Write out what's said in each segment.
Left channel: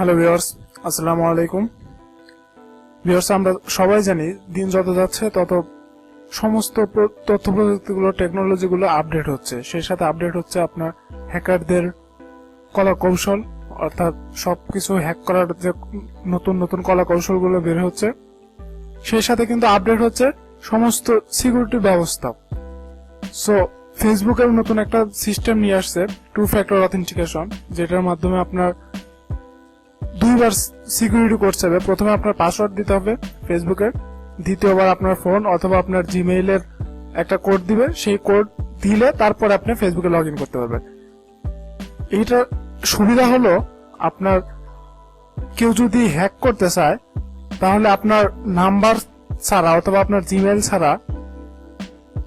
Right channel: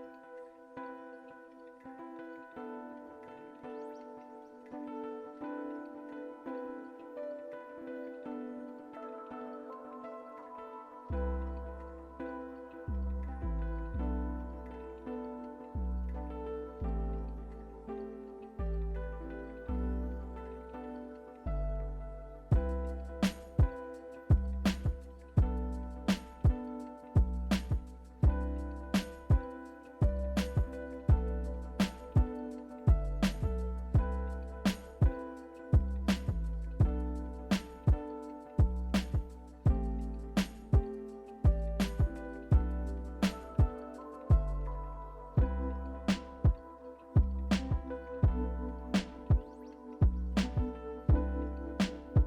Hello viewers, আসসালামু আলাইকুম। Viewers, আমরা সবাই জানি দিন যত যাচ্ছে তত সমস্ত তথ্য প্রযুক্তিগুলো, টেকনোলজিগুলো আপডেট হচ্ছে। সেই সাথে আপডেট হচ্ছে আপনার হ্যাকারদের কলা কৌশল, অর্থাৎ সবকিছু হ্যাক করার যে নতুন নতুন কলা কৌশলগুলো বের হচ্ছে। সেই সাথে কিন্তু আপডেট হচ্ছে সমস্ত সিকিউরিটি ব্যবস্থা। সো ফেসবুকের নতুন একটা সিস্টেম নিয়ে আসছে, 2 ফ্যাক্টর অথেন্টিকেশন, যেটার মাধ্যমে আপনার দুইবার সিকিউরিটি কোড চাইবে। প্রথমে আপনার পাসওয়ার্ড দিতে হবে ফেসবুকের, দ্বিতীয়বার আপনার ফোন অথবা আপনার জিমেইলের একটা কোড দিবে। সেই কোড দিলে তারপর আপনি ফেসবুকে লগ ইন করতে পারবেন। এইটা সুবিধা হলো, আপনার কেউ যদি হ্যাক করতে চায় তাহলে আপনার নাম্বার ছাড়া অথবা আপনার জিমেইল ছাড়া,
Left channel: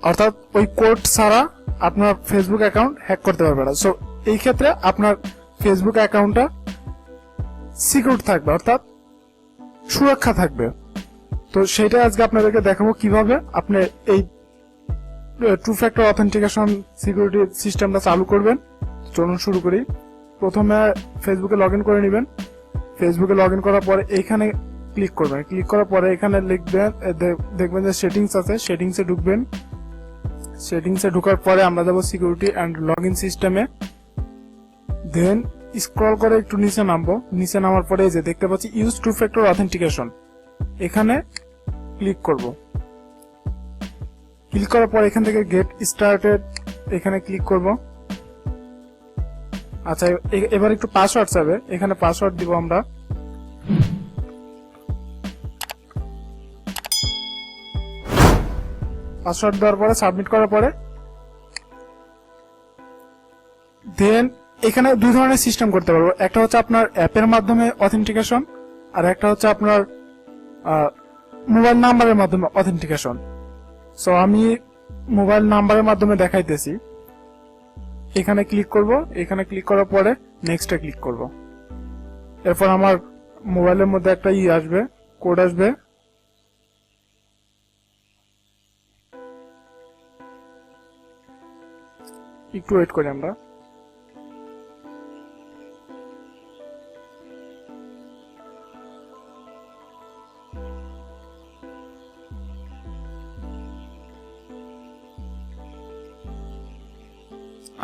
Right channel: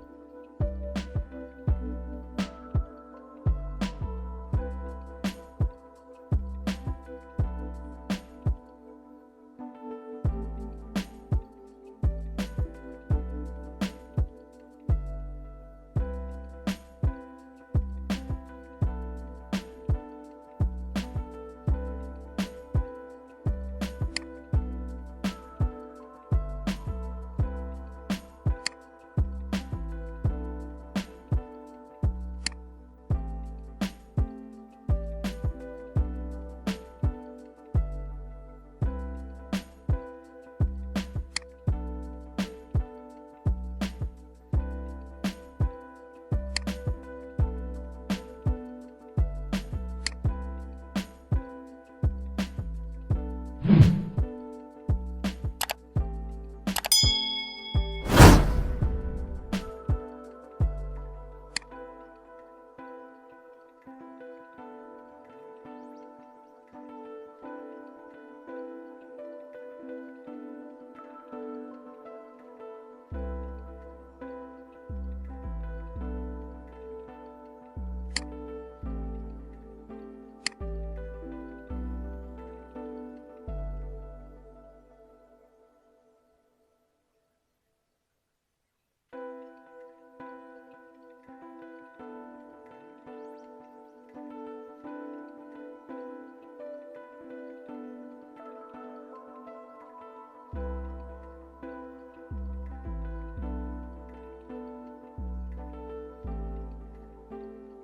অর্থাৎ ওই কোড ছাড়া আপনার ফেসবুক অ্যাকাউন্ট হ্যাক করতে পারবে না। সো এই ক্ষেত্রে আপনার ফেসবুক অ্যাকাউন্টটা সিকিউর থাকবে, অর্থাৎ সুরক্ষা থাকবে। তো সেটা আজকে আপনাদেরকে দেখাবো কিভাবে আপনি এই 2 ফ্যাক্টর অথেন্টিকেশন সিকিউরিটি সিস্টেমটা চালু করবেন। চলুন শুরু করি। প্রথমে ফেসবুকে লগ ইন করে নেবেন। ফেসবুকে লগ ইন করার পরে এইখানে ক্লিক করবেন। ক্লিক করার পরে এখানে লিখবেন, দেখবেন যে সেটিংস আছে, সেটিংসে ঢুকবেন। সেটিংসে ঢোকার পরে আমরা যাবো সিকিউরিটি অ্যান্ড লগ ইন সিস্টেমে। দেন স্ক্রল করে একটু নিচে নামবো। নিচে নামার পরে যে দেখতে পাচ্ছি ইউজ 2 ফ্যাক্টর অথেন্টিকেশন, এখানে ক্লিক করব। ক্লিক করার পর এখান থেকে গেট স্টার্টেড এখানে ক্লিক করব। আচ্ছা, এবার একটু পাসওয়ার্ড চাইবে, এখানে পাসওয়ার্ড দিব আমরা। পাসওয়ার্ড দেওয়ার পরে সাবমিট করার পরে দেন এখানে দুই ধরনের সিস্টেম করতে পারবো। একটা হচ্ছে আপনার অ্যাপের মাধ্যমে অথেন্টিকেশন, আর একটা হচ্ছে আপনার মোবাইল নাম্বারের মাধ্যমে অথেন্টিকেশন। সো আমি মোবাইল নাম্বারের মাধ্যমে দেখাইতেছি। এখানে ক্লিক করব। এখানে ক্লিক করার পরে নেক্সটে ক্লিক করব। এরপর আমার মোবাইলের মধ্যে একটা আসবে, কোড আসবে। একটু ওয়েট করি আমরা।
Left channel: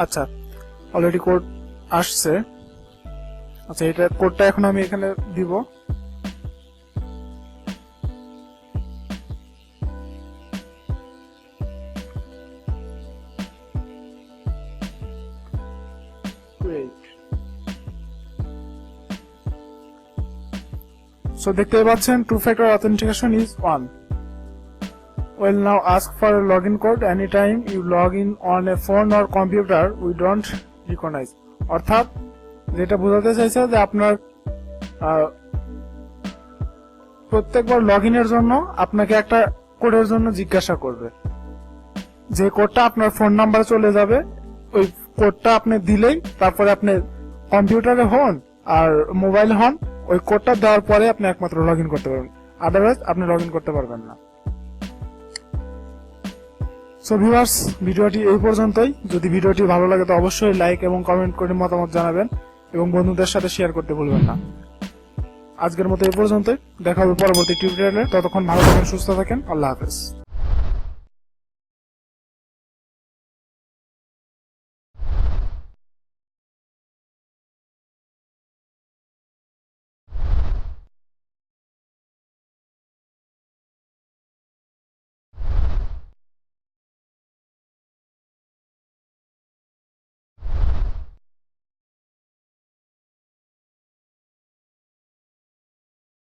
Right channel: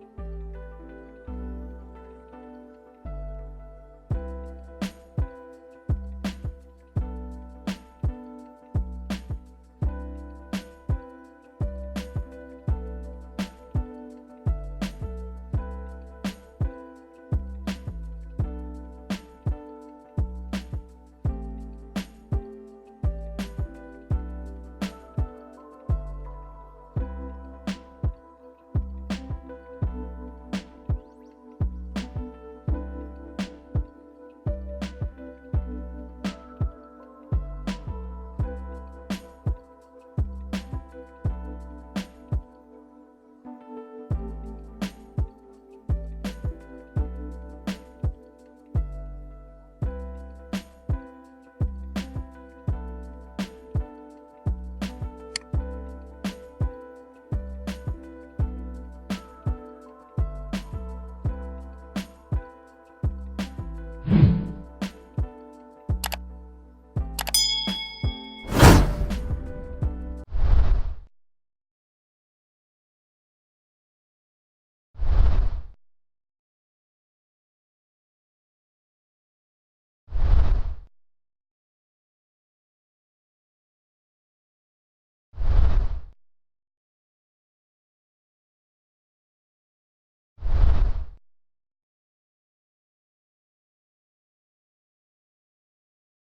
আচ্ছা, অলরেডি কোড আসছে। আচ্ছা, এটা কোডটা এখন আমি এখানে দিব। সো দেখতে পাচ্ছেন 2 factor authentication is on. Will now ask for a login code anytime you log in on a phone or computer we don't recognize. অর্থাৎ যেটা বোঝাতে চাইছে যে আপনার প্রত্যেকবার লগ ইনের জন্য আপনাকে একটা কোডের জন্য জিজ্ঞাসা করবে। যে কোডটা আপনার ফোন নাম্বারে চলে যাবে, ওই কোডটা আপনি দিলেই তারপরে আপনি কম্পিউটারে হন আর মোবাইল হন, ওই কোডটা দেওয়ার পরে আপনি একমাত্র লগ ইন করতে পারবেন, আদারওয়াইজ আপনি লগ ইন করতে পারবেন না। সো ভিউয়ার্স, ভিডিওটি এই পর্যন্তই। যদি ভিডিওটি ভালো লাগে তো অবশ্যই লাইক এবং কমেন্ট করে মতামত জানাবেন এবং বন্ধুদের সাথে শেয়ার করতে ভুলবেন না। আজকের মতো এই পর্যন্তই, দেখা হবে পরবর্তী টিউটোরিয়ালে। ততক্ষণ ভালো থাকেন, সুস্থ থাকেন। আল্লাহ হাফেজ।